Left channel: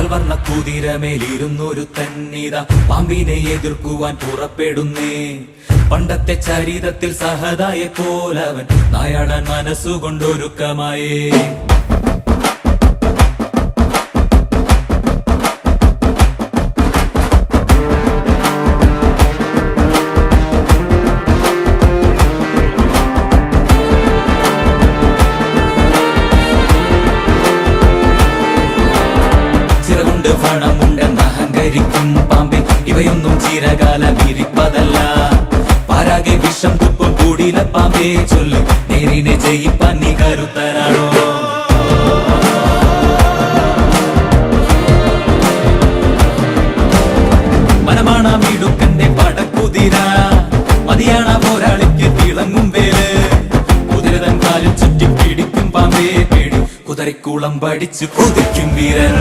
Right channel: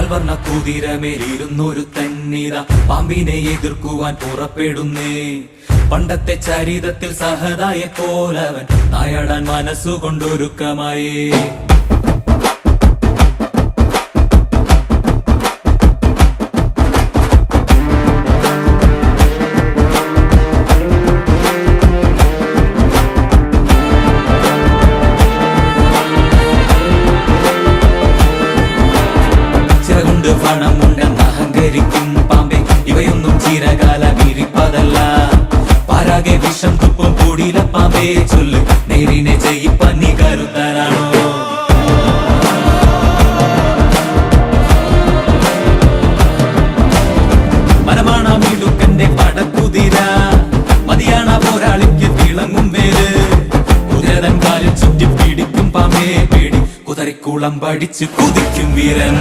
പാൽവർണ്ണ കുതിരമേലിരുന്നൊരു തന്നിത പാമ്പിനെ എതിർക്കുവാൻ പുറപ്പെടുന്നേ. പണ്ടത്തെ ചരിതത്തിൽ സഹതായെ പോലവൻ നായാടാൻ മനസ്സുകൊണ്ടൊരുക്കമായേ. ചിറകുണ്ട് പണമുണ്ടെന്ന് അഹങ്കരിക്കും പാമ്പെ, ഇവയൊന്നും ചിരകാലം ഇരിപ്പതല്ല. പാരാകെ വിഷം തുപ്പും കൂടില പാമ്പേ, ചൊല്ല് നേരിനെ ജയിപ്പാൻ നീ കരുത്തനാണോ? മനമാണമിടുക്കന്റെ പടക്കുതിര, മതിയാണ പോരാളിക്ക് തിളങ്ങും വേല്. കുതിരതൻ കാലിൽ ചുറ്റി പിടിക്കും പാമ്പേ പേടി, കുതിരക്കുളം പഠിച്ചു കൊതിക്കും വീരൻ.